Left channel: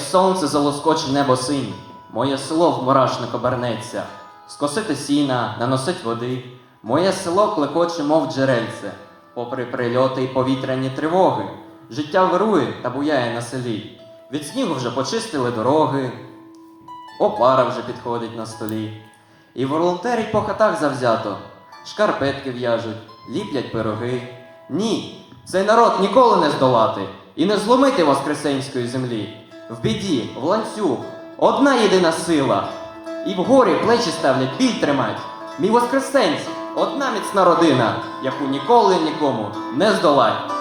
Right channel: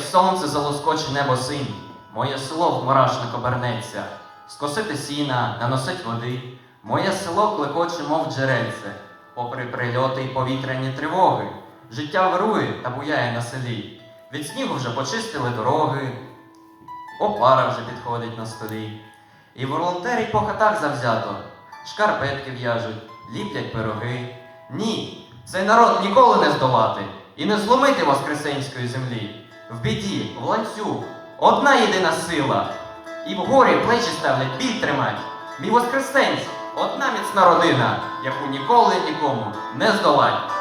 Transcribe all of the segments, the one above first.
сонце залоскоче небо синь, моє село в мурашник обернеться, скосити сіна, наносить води, моє село клекоче, мов джерельце, попри прильоти і повітряні тривоги, життя вирує та буяє на селі. Від снігу вже почистили дороги, опара вже підходить на столі. І волонтери по хатах завзято, шкарпетки в'яжуть, ліплять пироги. Ні, цей народ ніколи не здолати і не зломити воскресенської землі. В біді, в ланцюг, одна єдина сила. І в горі плечі ставлять біль тримать. Мій воскресенць, одна міцна родина, яку ніколи нікому не здолать.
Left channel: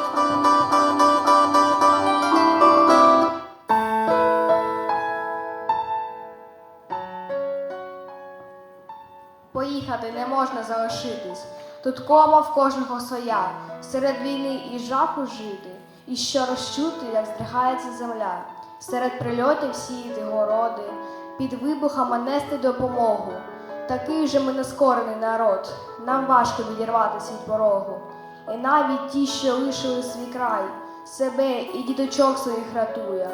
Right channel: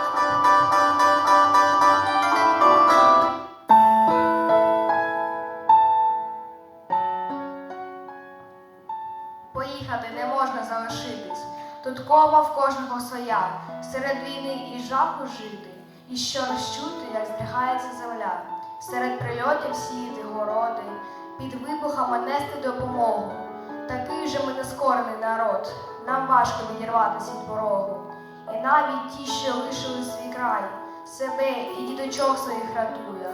Поїхати не можна залишитись. Тут кова в кожного своя. Серед війни і жаху жити. І що розчути, як здригається земля. Серед прильотів сіяти городи, під вибухами нести допомогу. Такий же ми нескорений народ. Нам важко відірватися від порогу. І навіть ті, що лишили свій край, себе і діточок своїх рятує.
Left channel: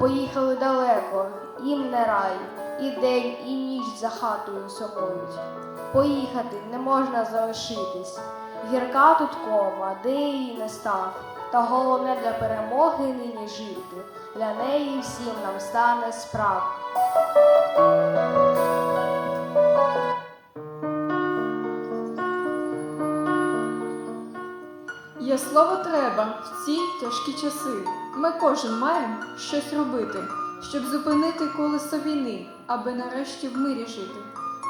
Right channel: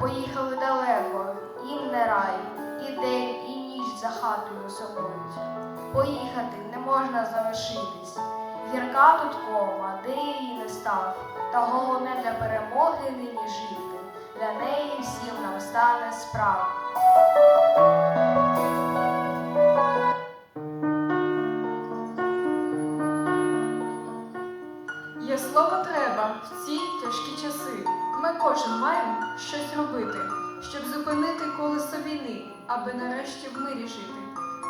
Поїхали далеко, їм не рай, і день, і ніч за хатою сокують. Поїхати не можна залишитись. Гірка тут кома, де її не став. Та головне Є слово треба в ці тяжкі часи. Ми кожен маємо щось робити, щоб зупинити колесо війни, аби нарешті в мирі жити.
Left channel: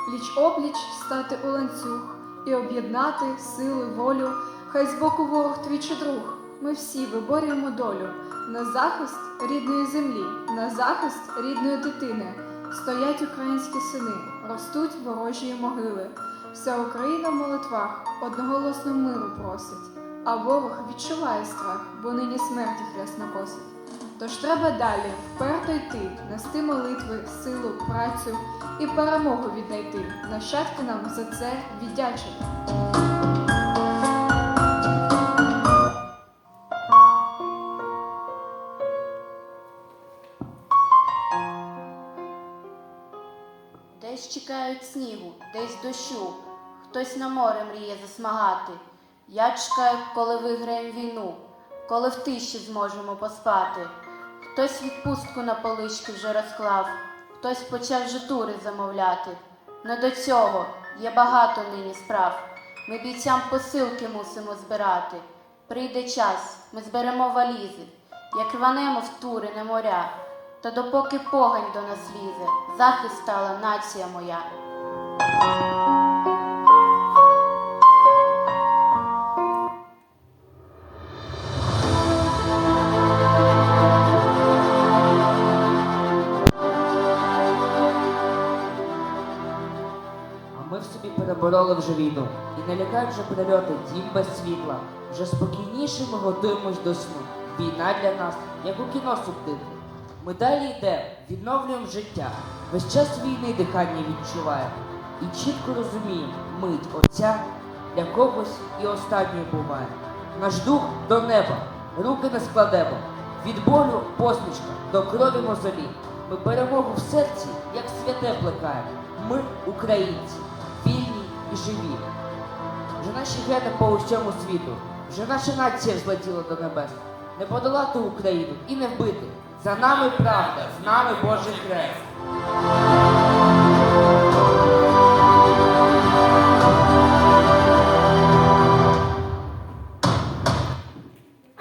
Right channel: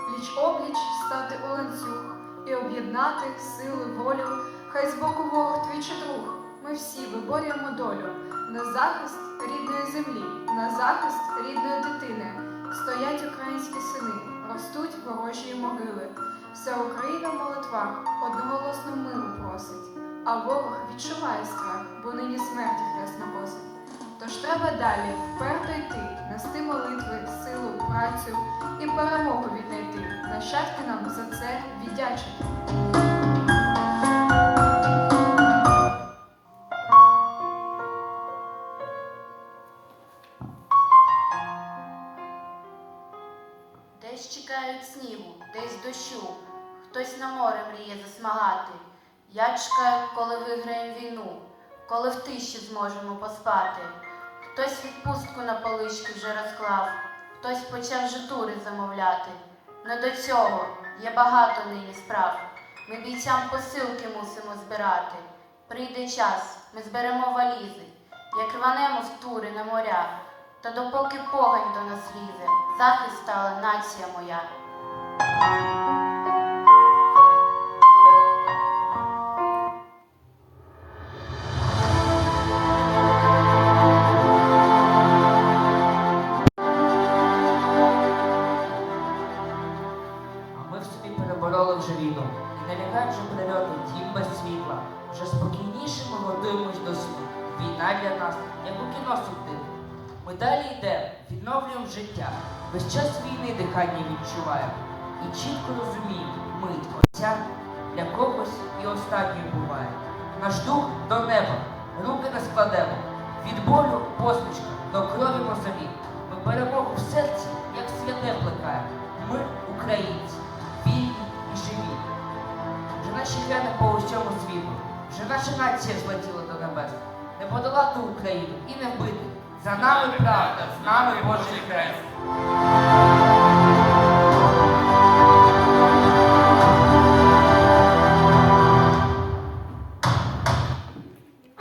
Пліч опліч стати у ланцюг і об'єднати силу, волю. Хай збоку ворог твій чи друг. Ми всі виборюємо долю на захист рідної землі, на захист рідної дитини. Стоять українські сини, ростуть ворожі могили. Вся Україна в молитвах одноголосно миру просить. А ворог відчуває страх, бо нині смерті хрест не косить. Тож треба далі вперто йти, нести молитви, силу, працю і перемогу віднайти. Нащадки нам за це віддячити. Десь чекають снігу, десь дощу, хтось на море мріє засмагати. Я чекаю, коли виграємо війну, коли в тиші зможемо поспати. Хтось відпустку на полички вже розклав, хтось почав вже тури замовляти. Не до цього є багато нині справ. Ми бійцям посилки мусимо збирати. Прийде час, ми зберемо валізи, як рванемо в тури на моря. Та допоки погань до нас лізе, захист стала нація моя. Не лякають вже прильоти дім без світла. Вже спокійніше ми готуємось до сну. Війна для нас, як у кіно субтитри. Ми далі йдемо, відновлюємо життя. Весь час війни дихання відчуваємо. І чітко розуміємо, мить отця для когось і останньою буває. Наш дух до неба, руки не складемо. Від болю посмішка до крові мозолі. Ми перемогу в серці, хлібу. Вже наша нація злетіла до небес. Не подолати Україну і не вбити. За нами правда, з нами Божий Хрест.